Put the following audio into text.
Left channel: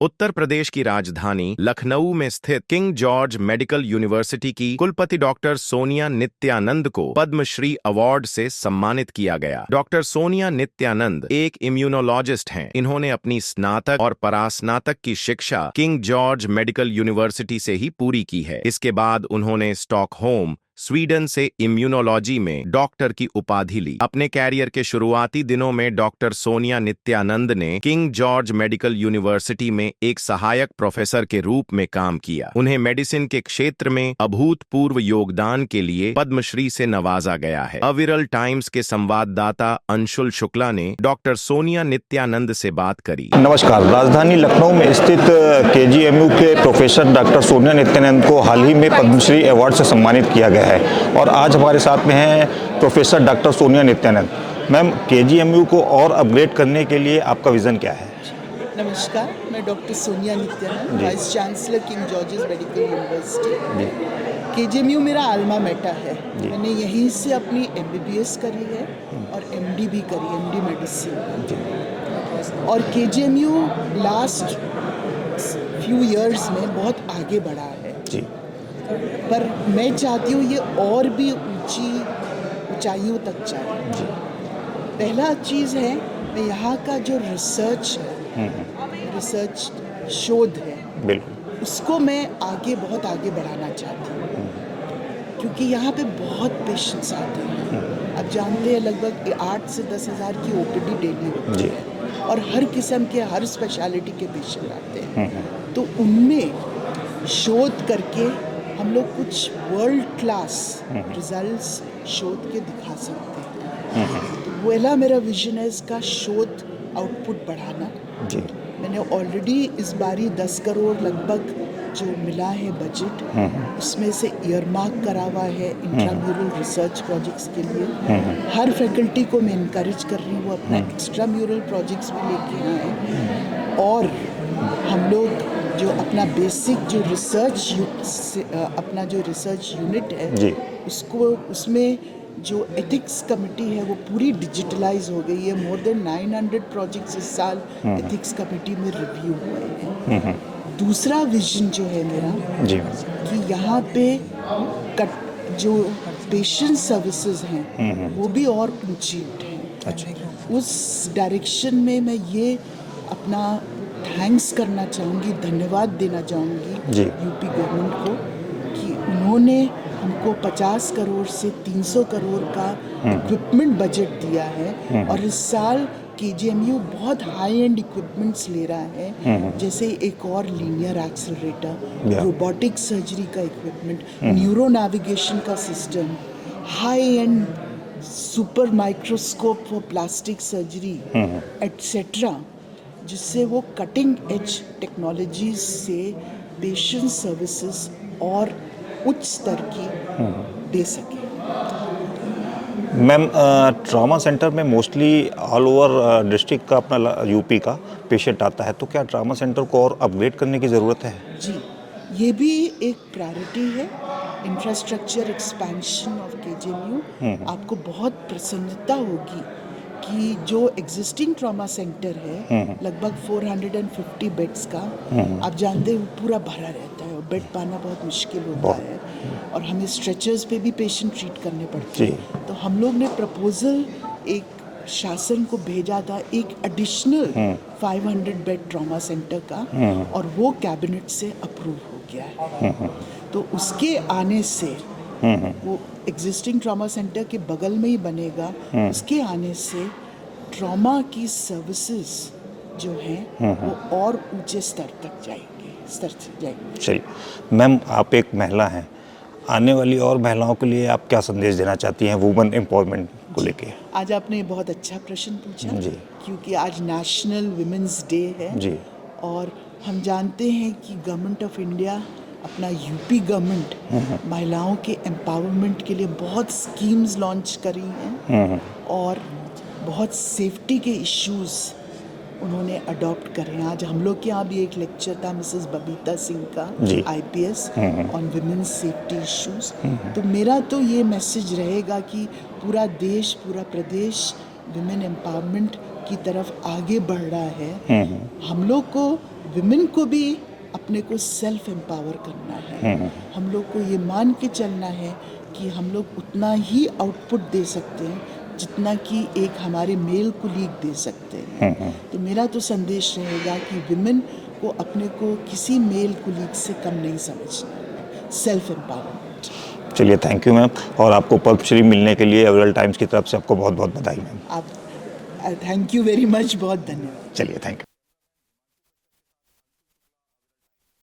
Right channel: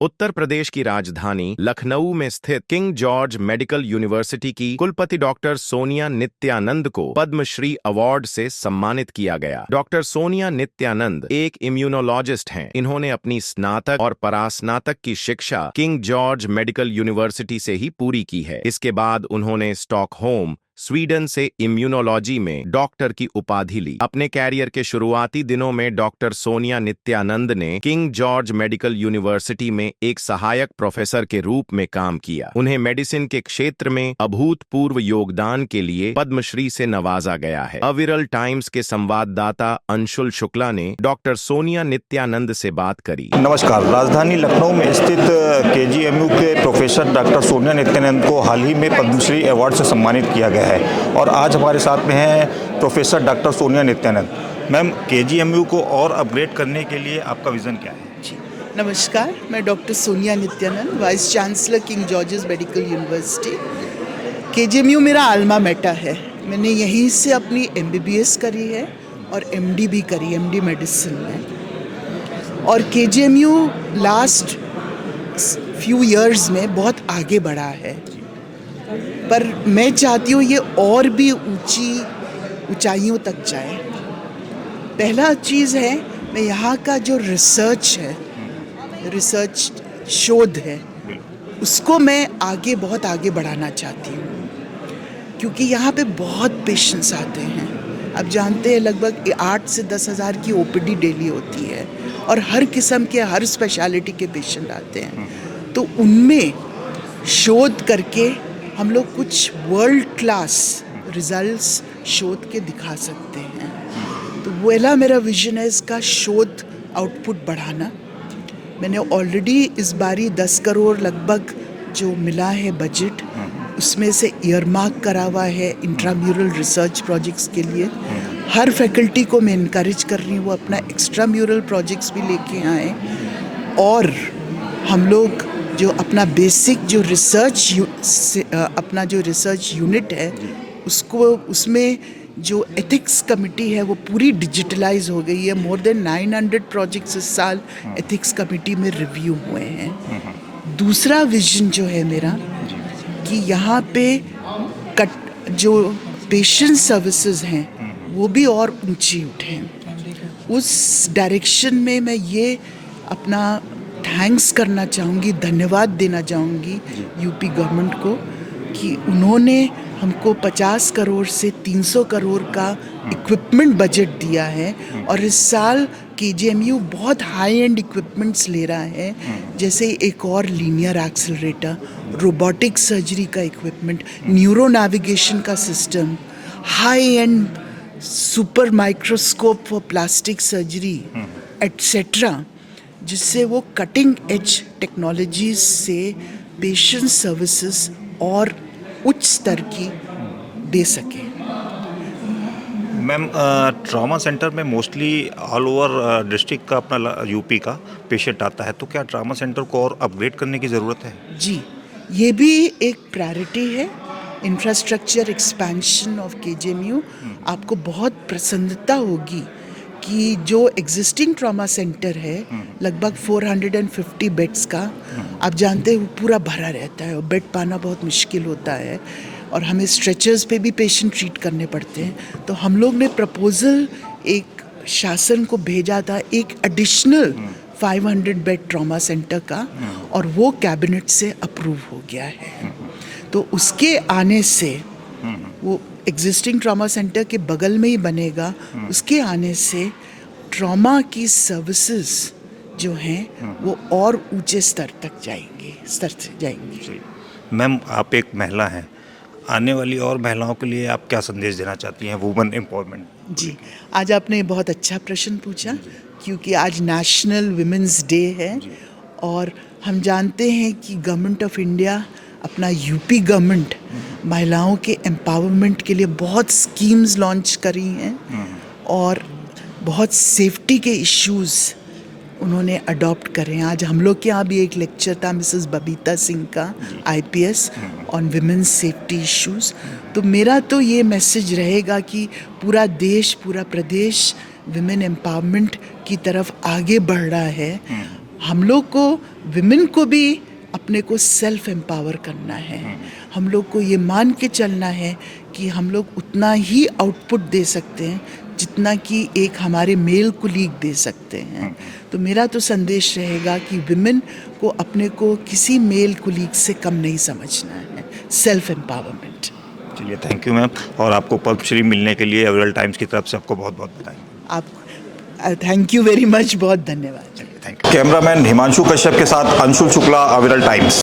उत्तर प्रदेश की राजधानी लखनऊ में स्थित किंग जॉर्ज मेडिकल यूनिवर्सिटी की कुलपति डॉक्टर सोनिया नित्यानंद को पद्मश्री अवार्ड से सम्मानित किया गया। डॉक्टर सोनिया नित्यानंद एक इम्यूनोलॉजिस्ट हैं। इन्होंने अपनी स्नातक और परास्नातक की शिक्षा किंग जॉर्ज मेडिकल यूनिवर्सिटी से ही पूरी की है। इसके बाद उन्होंने स्टॉकहोम, स्वीडन से इम्यूनोलॉजी में डॉक्टर की उपाधि ली। अपने कैरियर के शुरुआती दिनों में डॉक्टर सोनिया नित्यानंद ने किंग जॉर्ज मेडिकल यूनिवर्सिटी में एक सहायक प्रोफेसर के रूप में काम किया। उन्हें मेडिसिन के क्षेत्र में अभूतपूर्व योगदान के लिए पद्मश्री से नवाजा गया है। अविरल टाइम्स के संवाददाता अंशुल शुक्ला ने डॉक्टर सोनिया नित्यानंद से बात करी। नमस्कार। राजधानी लखनऊ में स्थित केजीएमयू के प्रोफेसर डॉक्टर सोनिया नित्यानंद को हाल ही में पद्मश्री अवार्ड से सम्मानित किया गया है और आज हमारे साथ में हैं professor doctor Sonia Nityanand. Ma'am, KGMU को और अपग्रेड करने के लिए आपका विज़न क्या है? नमस्कार, मैं doctor Sonia Nityanand, vice chancellor king George's medical university. KGMU मेरा आल्मा मेटा है। मैंने यहीं से अपनी एमबीबीएस करी है और एमडी भी करी, एमडी मेडिसिन में। और केजीएमयू लास्ट फ्यू इयर्स में बहुत आगे बढ़ा है जी। पर मैं चाहती हूँ ये और भी ऊंचाइयों तक जाए। पहला चीज़ है, मैं यहाँ का जो रिसर्च है, रिसर्च शोध है, उसको मैं बहुत आगे बढ़ाना चाहती हूँ, क्योंकि यहाँ पे बहुत पेशेंट्स आते हैं। अब जानते हैं लगभग 8 से 10 हज़ार की ओपीडी डेली होती है और हर किस्म के, हर स्पेशलिटी के पेशेंट आते हैं। तो उनमें शोध करके हम लोग कुछ वर्ल्ड क्लास रिजल्ट्स शोध के दिखा सकते हैं। तो पहला मेरा विजन है इसका शोध आउटपुट बढ़ाना। मैंने ऑलरेडी इस बारी 10 करोड़ लगभग जो मिला है बजट, उसमें से ईयरमार्क करा हुआ है इंट्राम्यूरल रिसर्च प्रोजेक्ट्स के लिए। हर फैकल्टी को मैं इनकरेज कर रही हूँ अपना एक्स्ट्राम्यूरल प्रोजेक्ट्स भी लेके आए और हम लोग जो अपना बेसिक जो रिसर्च यूनिट है उसमें जो एथिक्स कमेटी है वो पूरी डिजिटलाइज हो गई है। मोर देन 900 प्रोजेक्ट्स इस साल एथिक्स कमेटी में रिव्यू हुए हैं। दूसरा विजन जो है मेरा कि यहाँ पे जो पेशेंट सर्विसेज हैं वो भी और ऊंची उठें। उस डायरेक्शन में मैं ये अपना थैंक्स करना चाहूँगी, धन्यवाद देना चाहूँगी यूपी गवर्नमेंट को कि उन्होंने हमको 50 करोड़ से 300 करोड़ का इक्विपमेंट बजट दिया है और इस साल केजीएमयू बहुत हाई एंड इक्विपमेंट्स ले रहा है, जैसे एक और लीनियर एक्सेलरेटर, रोबोटिक सर्जरी का इक्विपमेंट, न्यूरो नेविगेशन का system, high and super microscope for plastic surgery etcetera, जिससे वो कटिंग एज टेक्नोलॉजीज से पेशेंट सर्विसेज और उच्च स्तर की दे सके। मैम, ट्रॉमा सेंटर में मोस्टली ऑल ओवर डिस्ट्रिक्ट का अपना यूपी का पेशेंट आता है, तो क्या ट्रॉमा सेंटर को और अपग्रेड करने की ज़रूरत है? जी, ये भी एक प्रायोरिटी है। Infrastructure expansion of KGMU. आपको बहुत प्रसन्नता होगी कि जो एग्जिस्टिंग ट्रॉमा सेंटर है लगभग 450 बेड्स का, आप जानते हैं पूरा भरा रहता है और बेड पाना बहुत मुश्किल होता है और हमें स्ट्रेचर्स पे भी पेशेंट ट्रीट करने पड़ते हैं। तो हम लोग ने प्रपोजल एक शासन को भेजा था एक एडिशनल 500 बेड ट्रॉमा सेंटर का और वो कैबिनेट से अप्रूव हो गया है। तो उसके आने से वो एग्जिस्टिंग ट्रॉमा सेंटर के बगल में ही बनेगा। उसके आने से ट्रॉमा की सर्विसेज जो हैं वो और ऊंचे स्तर से जाएंगे। सही। मैम, आप एक महिला हैं, आने वाली और महिलाओं के लिए आप क्या संदेश देना चाहती हैं वुमेन एम्पावरमेंट को लेके? आज आपने बहुत अच्छा प्रश्न पूछा क्योंकि आज नेशनल विमेंस डे है और हम जानते हैं कि गवर्नमेंट ऑफ इंडिया, अपना यूपी गवर्नमेंट महिलाओं के एम्पावरमेंट के लिए बहुत स्कीम्स लॉन्च करी हैं और बहुत सेफ्टी के इश्यूज उन्होंने अडॉप्ट करे हैं। आज हम लोग के यहाँ भी एक लेक्चर था मिसेस बबीता सिंह का IPS on women's safety issues. तो मेरा तो ये मैसेज रहेगा कि पूरा देश, पूरा प्रदेश विमेन एम्पावरमेंट की तरफ आगे बढ़ रहा है, हम लोग को विमेन को भी अपने को सेल्फ एम्पावर करना है। हम लोग को ये मान के चलना है कि हम लोग उतना ही आउटपुट दे सकते हैं जितना कि एक हमारे मेल कुलीग दे सकते हैं। तो मेरा तो संदेश रहेगा कि विमेन को अपने को किसी मेल कुलीग से कम नहीं समझना है, सेल्फ एम्पावरमेंट। चलिए, थैंक यू मैम। और आपको पद्मश्री मिलने के लिए एवरल्ड टाइम्स की तरफ से आपको बहुत बहुत बधाई मैम। आप थैंक यू वेरी मच, बहुत धन्यवाद। चलिए, thank you. Cameraman Himanshu Kashyap के साथ अंशुल शुक्ला, अविरल टाइम्स।